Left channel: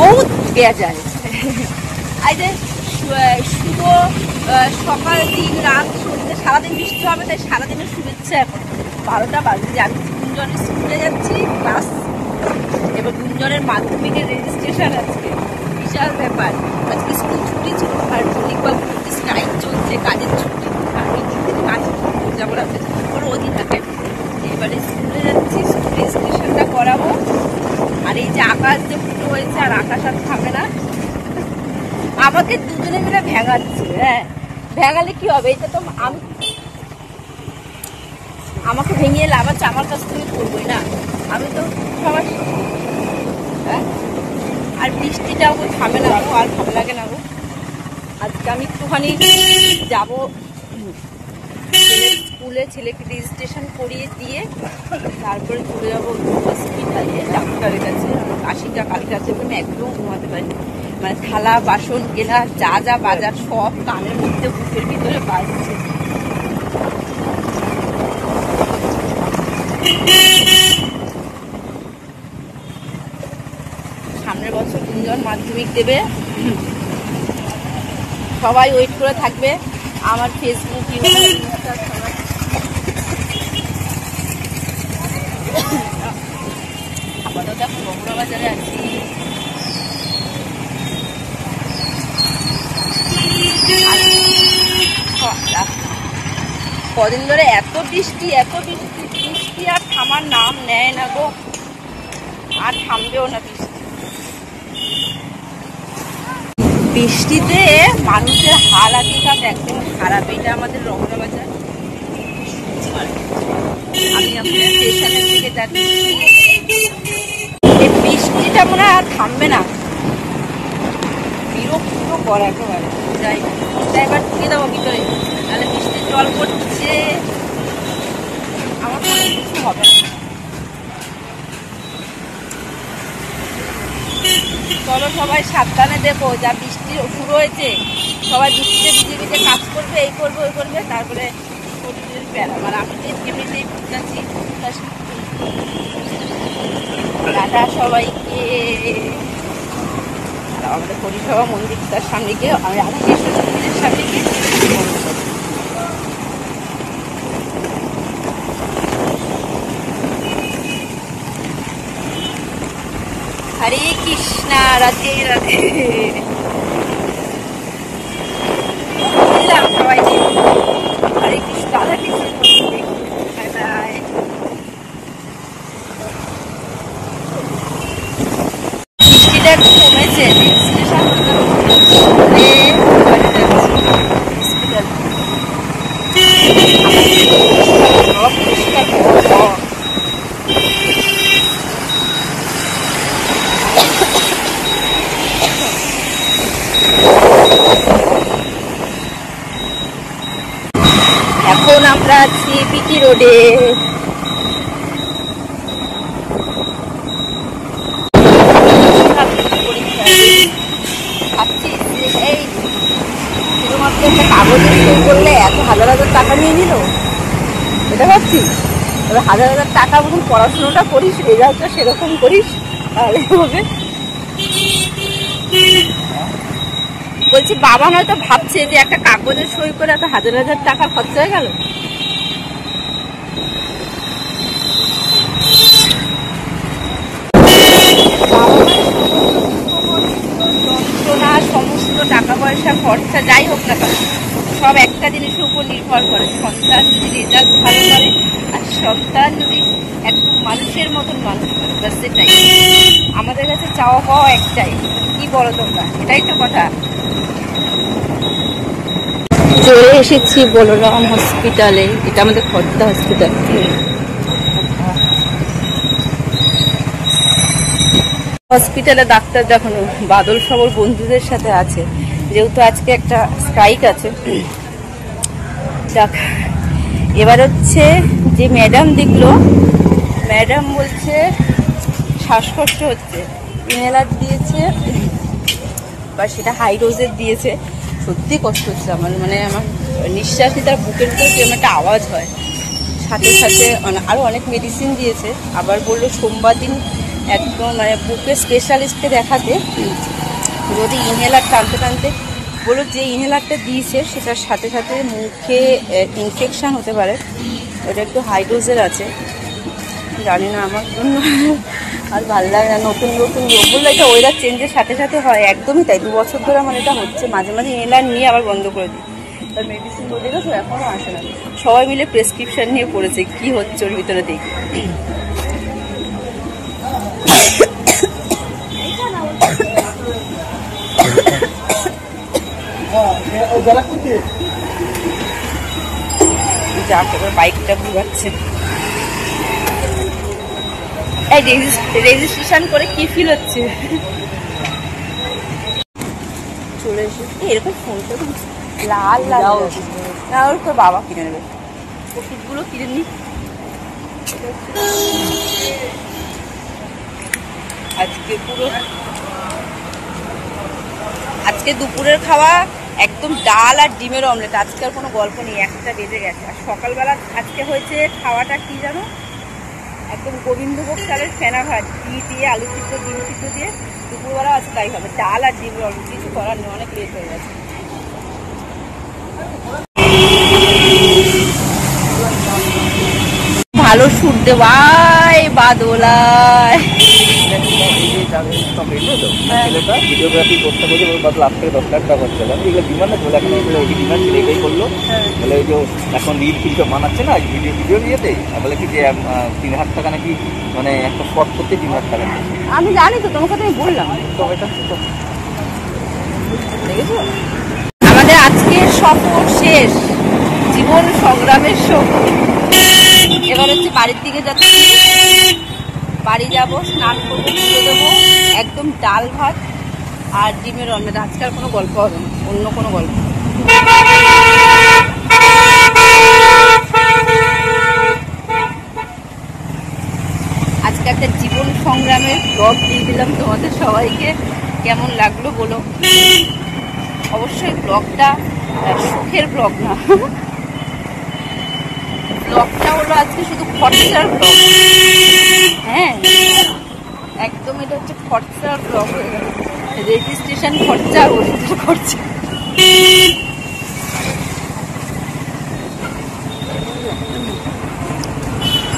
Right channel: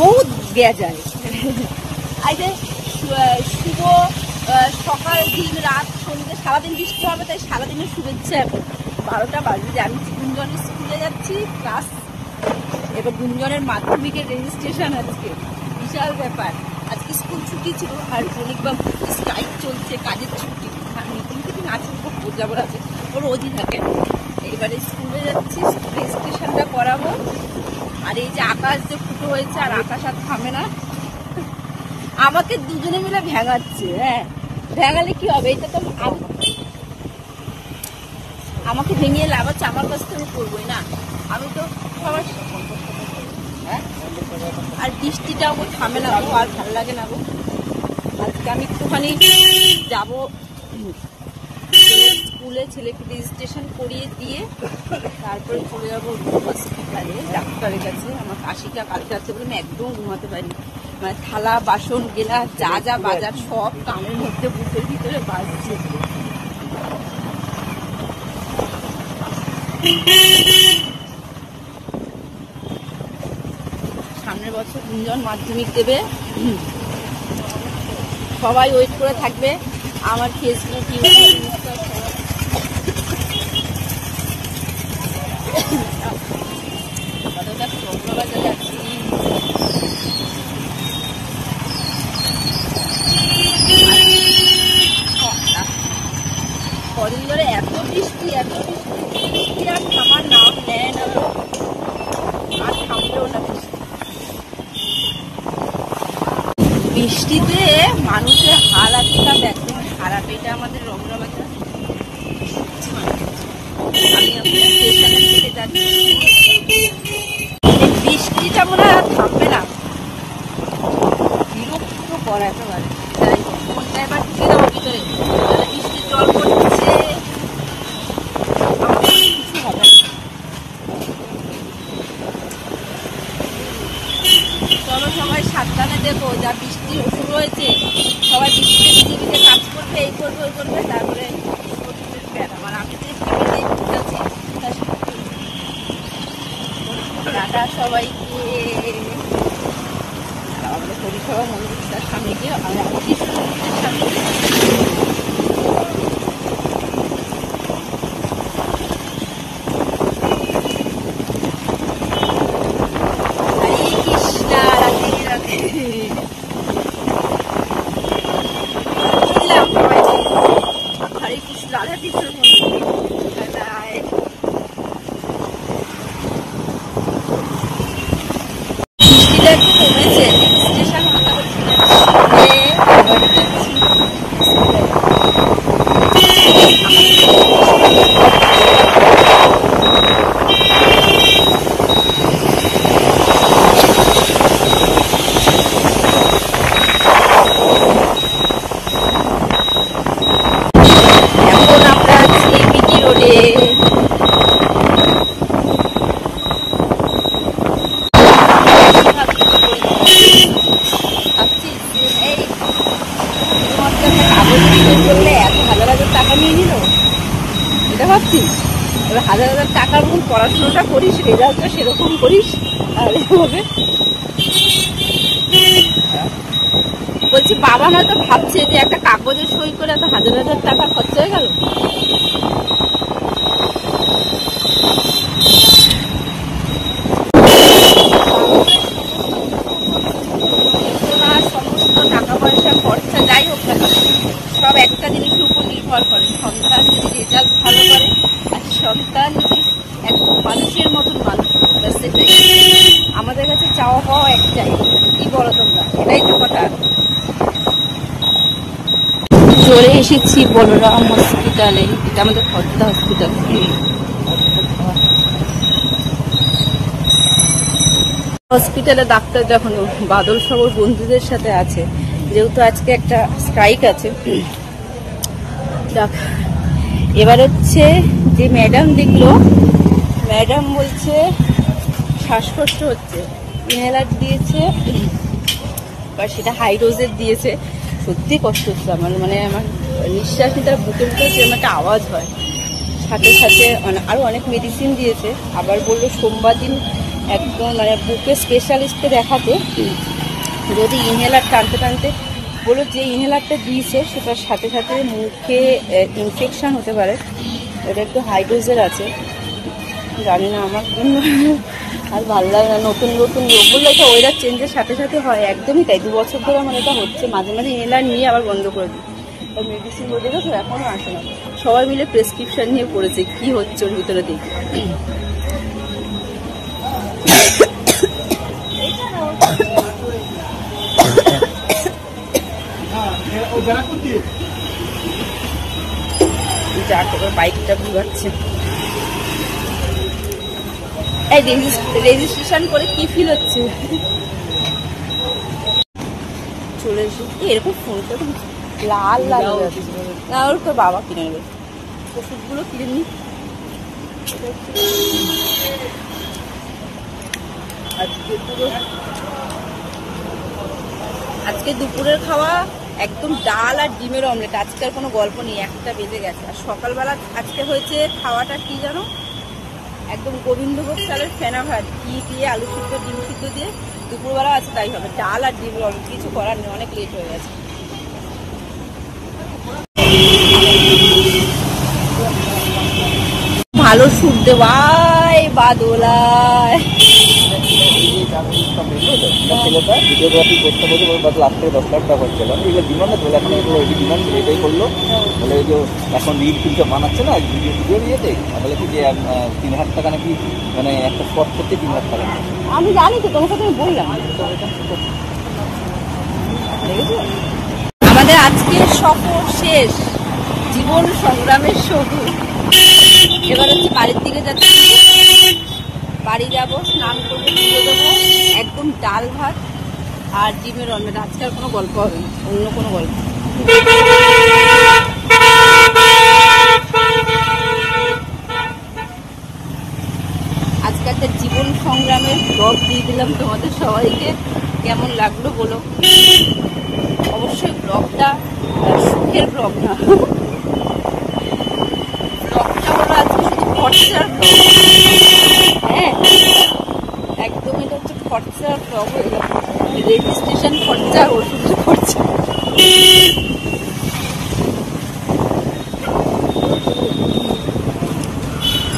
বহুত গেয়া যায়। এই যে শুভ সকাল, দিন, রাত, সন্ধ্যে সারাদিন বৃষ্টি হবে, তাই সারাদিনের শুভেচ্ছা। এখন 12টা বাজে যে আমি গুঞ্জনের স্কুলে যাচ্ছি, ক্লাস এবার গুঞ্জনের মাধ্যমিকের রেজিস্ট্রেশন আজকে, বিশাল ব্যাপার। আজকে স্কুল ছুটি ছিল আর মল্লিকবাবু স্ট্রাইক চলছে, কাজের ছুটি। আমি নাচে যাবো আছে, ওর অধি থাকে। এবারে স্কুলে যাচ্ছি, রেজিস্ট্রেশনটা করাবো। আর এই যে আকাশ যে ফুটো হয়েছে, আর আকাশ আর থামে না, আমাকে দুজনে মিলে ভেঙাচ্ছে। হ্যাঁ, ভেঙালে কি হবে? এটা তো আমাকে ভেঙিয়ে লাভ আছে, আমার কাছ থেকে করবোই না, আমি তো সবার। হ্যাঁ, আর বৃষ্টিটাও থামে না গো, আর ভালো লাগে না গো। আজকে আমি একটুখানি যাবো স্কুলে, ছেলেকে রেজিস্ট্রেশন করিয়ে দিয়ে তারপরে চলে যাবো হসপিটালে, ডাক্তারের কাছে। আমার কাশিটা কালকে আছে বলে একদম ঘুমাতে পারিনি। মানে থালা বাসন গেলা যা যা বাজার সব কানের মধ্যে, বুকের ভিতরে বাজছে। সামনের বছর গুঞ্জন মাধ্যমিক দেবে, সবাই ওয়েট করে থাকবে। আমার ফেসবুক, ইউটিউব, ইনস্টা সবাই। আপাতত এখন বগুড়া বাজারে আছি। কদিন ধরে এত বৃষ্টি, এত বৃষ্টি, বৃষ্টি আর থামার নাম নেয় না গো, আর থামবেও না। বৃষ্টিতে মানুষের হালাতটা একদম খারাপ। এটা আমাদের রমনা বাজার, আমি আপনার স্টেশনের দিকে যাচ্ছি। এই বৃষ্টিটা মনে হয় আর থামবে না, বিরক্ত কর একেবারে। যাই ফোনটা এবার ঢুকে দেবো ভিতরে, তাহলে বৃষ্টির জল পড়ছে, আমার কোনো কিছু হবে না। চলো সবাই সাবধানে দেখো, যা বৃষ্টি শুরু হয়েছে, সবাই বৃষ্টিতে ভিজে ভিজে কাজ করবে, এই করবে ওই করবে, তারপরে শরীরের ব্যায়াম। আর আমি যে ফ্যামিলি যাচ্ছি তার সাথে টাটা সবাইকে। আমাদের পরিষেবা মন্দির তার সামনে গিয়ে আমি রাধাকৃষ্ণের সামনে গিয়ে হরে কৃষ্ণ, রাধে রাধে। সবাই হরে কৃষ্ণ, রাধাকৃষ্ণের মন্দির। বৃষ্টিটা একটু কমেছে, এখন আমরা আছি বিটি রোডে। শুধুমাত্র একটা কাগজে সই করলে এত হাজার হাজার টাকা নিয়ে নিল, এটা ভাবছি। এবার হাজার হাজার টাকার মতন পড়াশোনাটা করিস, রেজাল্টটা সেরকম করিস, তাহলে হবে। বলছি বাবা হয়তো ভাবছে যে একটা কাগজে সই করে এত হাজার হাজার টাকা খরচা হয়ে গেল। সমস্ত টাকা পয়সা খরচা যাই হোক না কেন, সব একটা জিনিসের উপর নির্ভর করে। সন্তান যদি রেজাল্ট ভালো করে, আর সন্তান যদি একদম মানুষের মতন মানুষ, সেটাই আমাদের কাছে চাওয়া পাওয়া একটাই। কি বলো তোমরা? এটাই তো কথা। চলে এসেছি বলরাম হসপিটালে, এটা আমাদের খর্দা হসপিটাল। হসপিটালে ডাক্তার দেখানো, বাদল সবর বন্ধুদের সাথে আছে, যেহেতু আজকে একটা স্ট্রাইক আছে। এবার হচ্ছে যে ম্যাডাম দেখলো, ম্যাডাম বলছে শ্বাসকষ্ট হচ্ছে, ইনহেলার দিয়েছে, বা সেটা হাই ডোজের দিয়েছে। সত্যি কষ্ট হচ্ছে আমার, মানে আমার নিঃশ্বাস নিতে বুকের ভিতরে যেরকম একটা আওয়াজ হয়। সাথে সাথে আরো অনেক মেডিসিন দিয়েছে। আবার বললো সোমবার দিন একদম মানে বুকে স্পেশালিস্টকে দেখাতে, যদি ইনহেলার টানতে টানতে বলো যে ইনহেলারটা দিয়েছে সেটার সাথে সাথে মুখে ইনফেকশান হতে পারে, ওটা একটু হাই ডোজের আছে, জানি না আমার জন্য আর ভালো লাগে না। নতুন নতুন রোগ বললে এটা ওয়েদার চেঞ্জের সাথে সাথে হয়, একদমই তাই। 2 বছর ধরে আমার এটা হচ্ছে, মাঝে মাঝে ইনহেলার নিয়ে আবার বন্ধ করে দিই, তার মেডিসিন বলে গেছো এখনও আসে না। সবাই মিলে প্রেসক্রিপশান নিয়ে পড়েছে, কী হচ্ছে ওর ভিতরে দেখি। এবার বাইকটা ঘুরাচ্ছে। রেজিস্ট্রেশন করে কি ফিল হচ্ছে? চলে এসেছি এরকম ফোনটা লাল লাল না, ওর উপর বাবা কিনে নেবে, ওষুধগুলো কিনে নি। আজকে দুপুরের খাওয়া একদম ডাল আর ডিমের অমলেট। আজকে আর কোনো গল্প নেই, 1টা বেজে গেছে। আর সকালবেলা আজকে হয়েছে খাওয়াটা কি জানো, একদম গোবিন্দভোগ চালের ফেনা ভাত, ঘি দিয়ে আলু সিদ্ধ ডিম সিদ্ধ দিয়ে। দুপুরবেলা আছে তাই হবে, ডাল আর ডিমের অমলেট, কিছু করার নেই, অনেক লেট হয়ে গেছে। ভালো সুর দেওয়াই বাদলায় ছেলেটা ভিডিওগ্রাফি করতে বলছে, বদল আজ থেকে 10 লাখ টাকা হচ্ছে। এগুলো ডিমান্ড না, এখন এগুলো ডিমান্ড ছিল, এটাই করলো। বলে ওই যে এখন রিল ফিলটা বানাচ্ছে না ভিডিও নিয়েতে, বলে কি যে 3,000 টাকা নাকি, মানে একটা স্পট করতে 3,000 টাকা। আমি জানি তো, তোমার কথা আমি বললাম তো এটা আমাদের আজকের সফর শেষ, জীবন সংগ্রামের সফর। এবার হচ্ছে বাড়ির দিকে যাচ্ছি, বাড়ি যাব, স্নান করবো, পুজো দেবো, একদম ডাল ভাত আর ডিমের অমলেট। আজকে আর কোনো গল্প হবে না, অন্য কোনো গল্প। আজকে একটা জীবন সংগ্রামের ব্লগ দিয়ে দিলাম তোমাদের সবাইকে, কেমন লাগলো বলো। অবশ্যই ব্লগটা সুখের ব্লগ না, ব্লগটা হলো আজকে শুধু খরচার ব্লগ। হ্যাঁ একদম, এটা হচ্ছে খরচার ব্লগ হয়ে গেল, রেজিস্ট্রেশন খরচা, ওষুধ খরচা।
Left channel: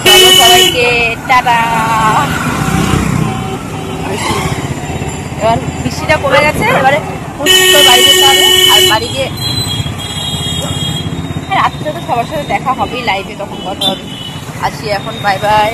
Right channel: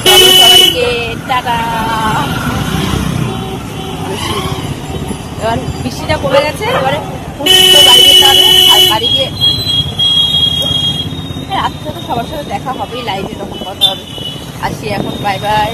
চলো সবাইকে টাটা। এবার বৃষ্টিটা পড়ে গেছে, এবারে বাড়ি যেতে হবে। আর বাড়ি গিয়ে রাত্রে তো সবার সাথে দেখা হবেই লাইভে, তখন কথা হবে। আসি এখন, বাই বাই।